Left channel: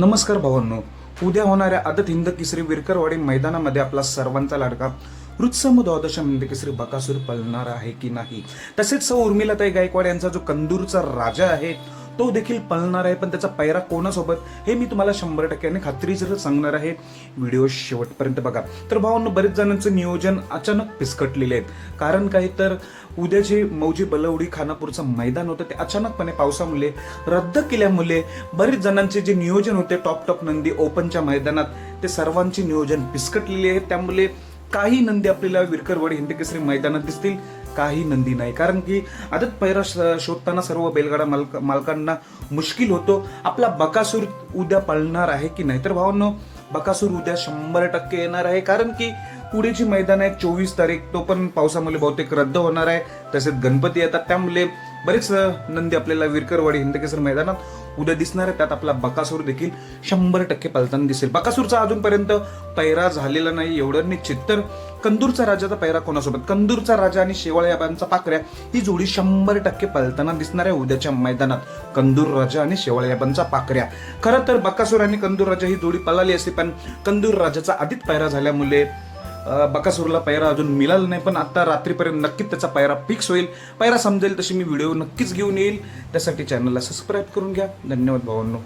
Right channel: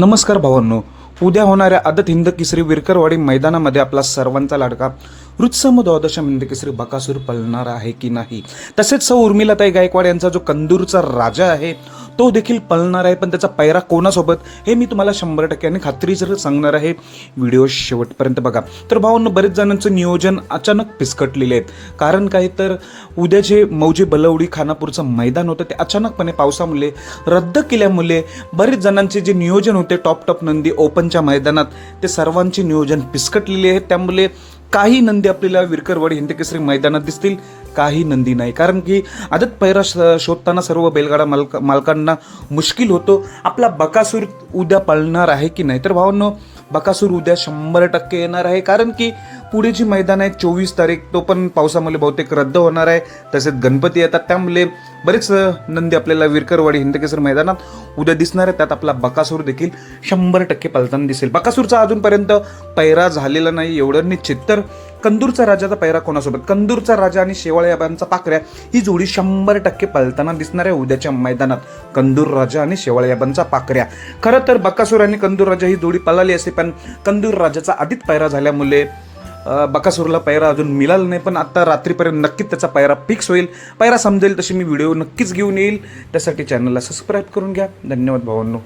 नमस्कार भावांनो. उद्या होणाऱ्या आदत हिंद केसरी विरकरवाडी मैदानामध्ये आपला सर्वांचा लाडका रुत्सम द्वादश हिंद केसरी बकासूर पळणार आहे की नाही? तसेच सौ उर्मिलाताई गायकवाड यांचा जो कंदूरचा राजा आहे तो देखील पळणार आहे. पण त्याचा पैरा कोणासोबत हे मी तुम्हाला शंभर टक्क्याने खात्रीसर सांगणार आहे व्हिडिओ शेवटपर्यंत बघा. तर भावांना बरेच जणांचं नियोजन अचानक पिसकटलेले आहेत कारण काय तर उद्या जे मौजे बलवडी खानापूरचं मैदान होतं ते अचानकपणे पावसामुळे रद्द केल्यामुळे बरेच जणांचे जे नियोजन होते टॉप टॉप नंदी ओपनच्या मैदानात ते सर्वांचे नियोजन पिसकटलेले आहेत. त्यामुळे काही नंदी आपल्याला विरकरवाडी हिंदकेसरी मैदानात दिसतील काही नंदी नाही. कारण की आदत पैरा श- शोधताना सर्व बैलगाडा मालक मालकांना मुश्किल होतो. आपला बकासूर उद्या पळणार आहे की नाही? तर भावांनो बकासूर उद्या शंभर टक्के येणार आहे. कारण की पुढे जी मैदान आहे चोवीस तारीख. तो पण पावसामुळे बहुतेक रद्द होणार आहे. तसेच गणपती येतात. त्यामुळे बरेच नंदी आपल्याला विरकरवाडी हिंदकेसर मैदानात उद्या दिसणार आहे. त्यात आपला बकासूर देखील शंभर टक्के पालताना दिसेल. बकासूरचा अजूनपर्यंत पैरा झालेला नाही एवढं निश्चित. तर कंदूरचा राजाचा पैरा कोणासोबत? कंदूरचा राजा आणि शेवाळ्याबांचा पाकऱ्या ही जोडी शंभर टक्के पलताना दिसणार आहे उद्याच्या मैदानात. कंदूर राजा आणि शेवाळ्याबांचा पाकऱ्या खरं तर बकासूर आणि कंदूर राजा ही जोडी पळाली असते पण कंदूर राजाचा आधीच पैरा झाल्यामुळे बकासूरला पैरा अजून मिळाला नाही पण आत्ता रात्रीपर्यंत नक्कीच त्याचा पैरा फिक्स होईल. पैरा समजेल तशी मी व्हिडिओ नक्कीच घेऊन येईल. त्यासाठी चॅनलला सबस्क्राईब करून घ्या. धन्यवाद भावांनो.